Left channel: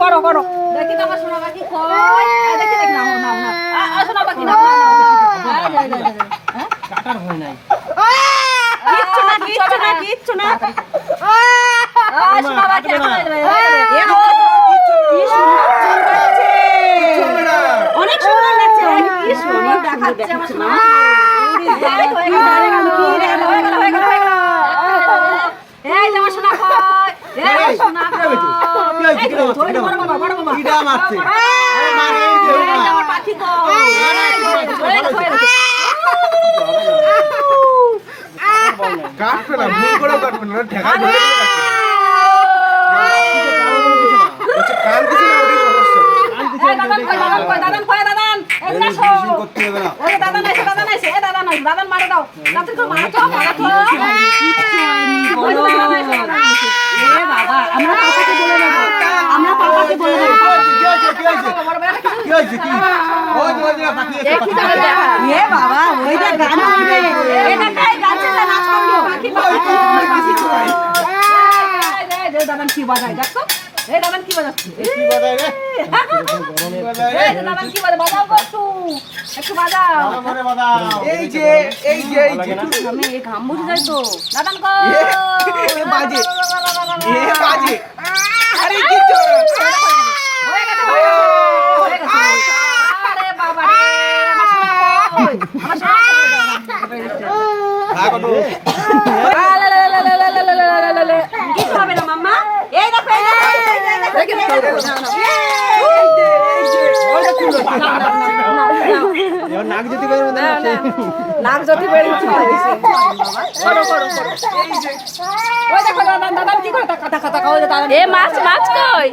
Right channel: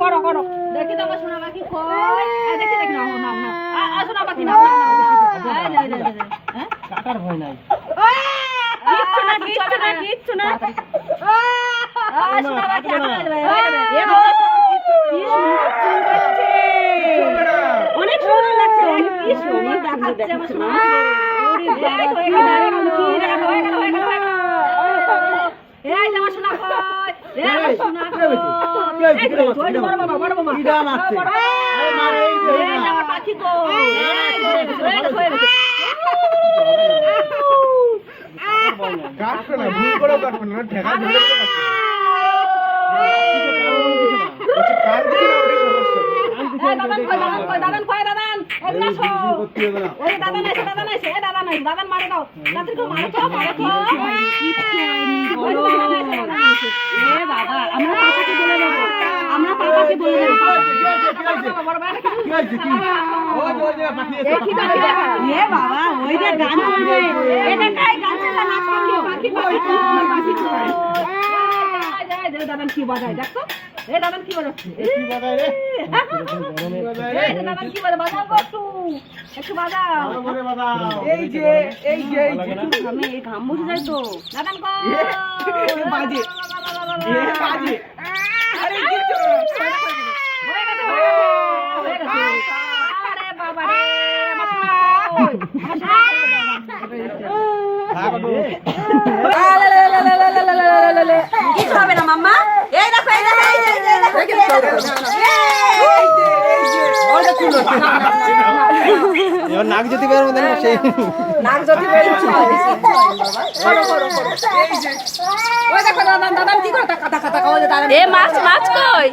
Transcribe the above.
করো করো দেখি তো আমার সোনা পাখি কই দেখি দেখি নাও নাও না সোনা পাখি নাও কাটার ভয় নাই। কিচ্ছু না সোনা পাখি অনেক সুন্দর লাগছে কি সুন্দর দেখাচ্ছে আমার সোনা এই যে আমার সোনা কই এই সোনা কই কিডা মারছে? পাখি কই কাটবে না, ভুল করে কাটবে না, ঠেকা ধরে কাটবে। আচ্ছা কান কিছু না, ওটাই সমস্যা। কান কিছু না, ওটাই সমস্যা। দাদান কই দাদান এই না শো করতে হবে না। ওই দাদান এসে এ দাদান নয় দাদান মারে দাও দাদান তো মারো তো কিচ্ছু হয়নি বলো এ বাবা আমরা পাপাকে বলে দেব কি হয়েছে কি? ওই যে পাখি। এই কি করে দেখা এ বাবা ওই যে গান চলবে এটা কাই গান চলবে নাচ করলো পাখি দাদান কি বাজায় দেখো এ দাদান কি বাজাচ্ছে কি বাজায় রে? দাদান কি বাজাও একটু বাজাও এই যে আমি এই ঘাম মুছে যাই তো দাদান কই বাজে বাজে। আরে কি হয়ে গেছে আরে বাবা রে আমার সোনা কি খাবে না মাম্মা এই দেখো নাক যদি বের হবে না সেই নাক যদি বেরিয়েছে করো করো করো ওই দেখো দাদা কি করে টাকা টাকা টাকা ওই দাদা এ মাছ মাছ কই